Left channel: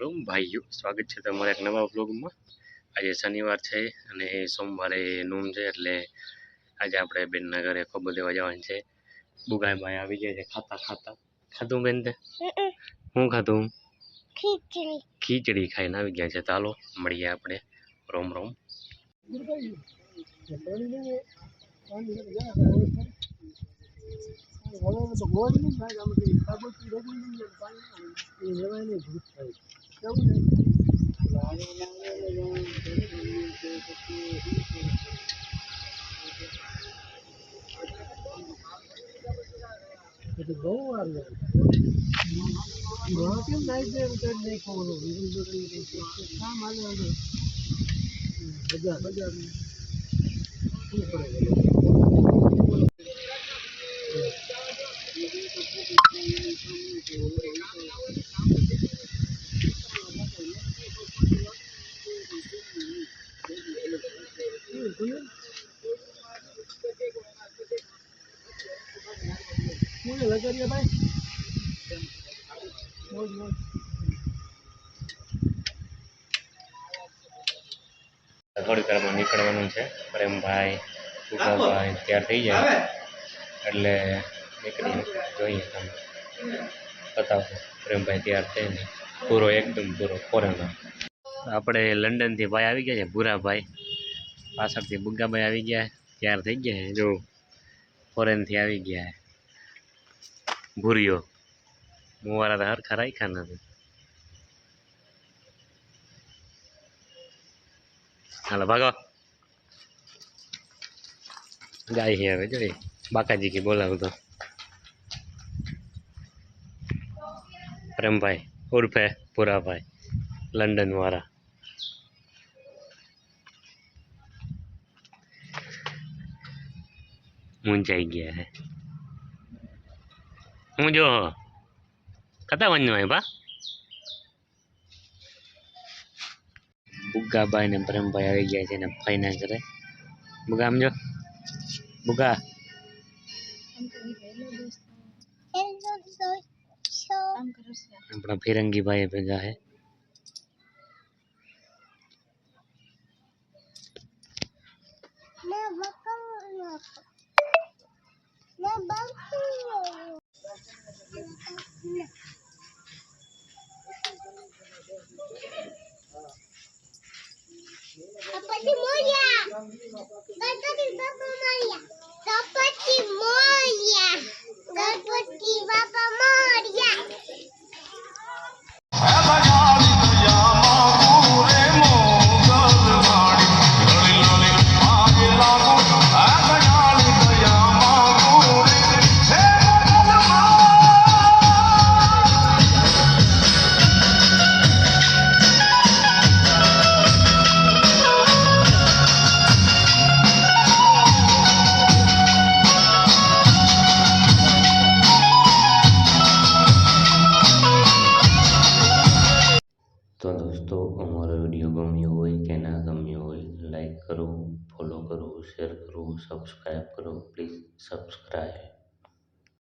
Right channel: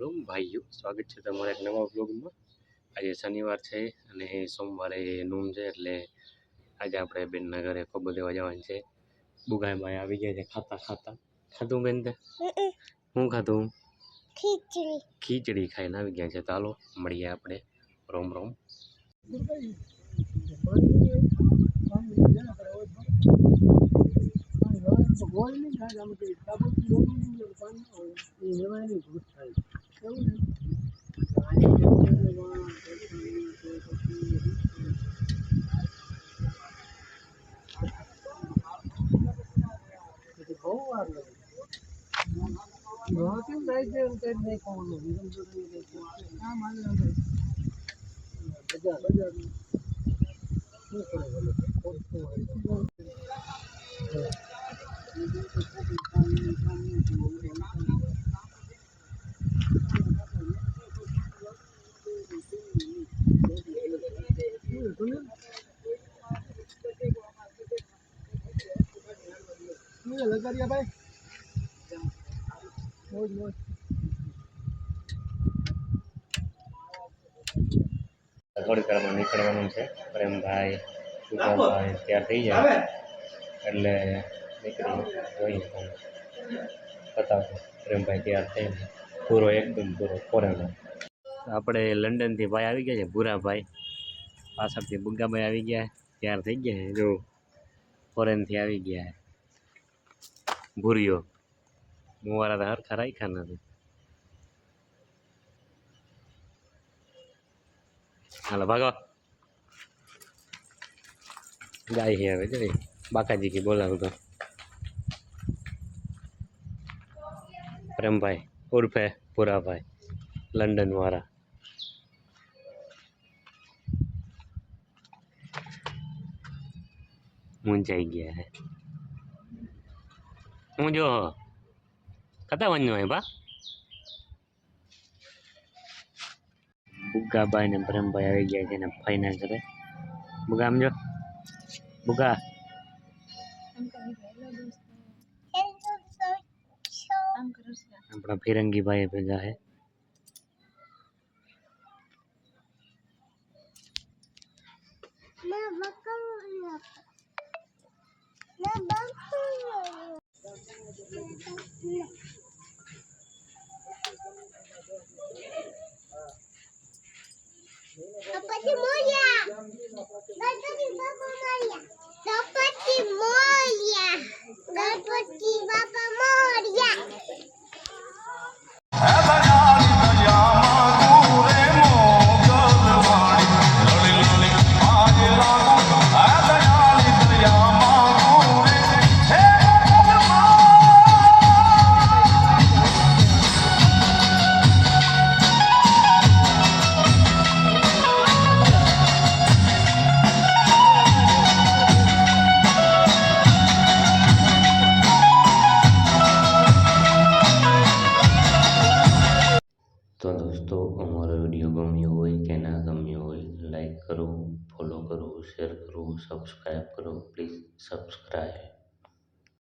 રામ ભાઈઓ, સ્વાગત છે તમારા એક નવા વ્લોગમાં। આજે શનિવાર છે અને સોમવારે નૂન છે, એટલે આજે આપણે બેનના ઘરે ખબર દેવા જવાનું છે। બુગાઈભાઈ આવી ગયા છે ખાતા ખાતા। ખાધું બેન તે? હું ખાધું? ખીચડી ખાઈને આવી ગયા છે। ચાલો મળીએ આપણે। રોમ રોમ। બહુ વાર લાગે કેમ નાઈ દે એમ કઈ નહીં ખાવાનું કામ હાલે બજાર બજાર શું કરે લગાડ્યા ભાઈ થોડી વારમાં નીકળવાનું છે। પ્રેમભાઈ સુગાભાઈ તૈયાર થઈ જાય એટલે નીકળી જોઈએ। તમે બતાવો પ્રેમભાઈ તૈયાર થઈને પૂરો એકદમ પૂરો ફોરેનર। આપણે લંડનથી ભાઈ આવી ગયા છે ભૂરાભાઈ, પાછળથી બુગ્ગાભાઈ આવી ગયા તૈયાર થઈ ગયા છે। જો ફોરેનથી આવી ગયા ભૂરીઓ મુવારા તો હરખા રાખ્યા નથી। હાલો ભાગો, ગાય છે હવે જોઈ બાકાજી કી બોલાવતો પ્રેમભાઈ ઉર્ફે ભૂરાભાઈ લંડન વાળા। મૂંઝાઈ ગયા હે હું જો કતા વન્યો હે બા। બુગ્ગાભાઈ ને પ્રેમભાઈ આવી ગયા છે ને ફાઈના કરે। બુગા આમ જો બુગા આપણા ફિરંગી ભાઈ ભેગા હે। Gapati Moria! Gapati Papa Moria! Gapati Moria! Gapati Papa Moria! તો દોસ્તો અમારો વિડીયો ગમ્યો હોય કે ના ગમ્યો હોય લાઈક કરો, ફોલો કરો, શેર કરો, સબસ્ક્રાઈબ કરો, પ્લીઝ સબસ્ક્રાઈબ।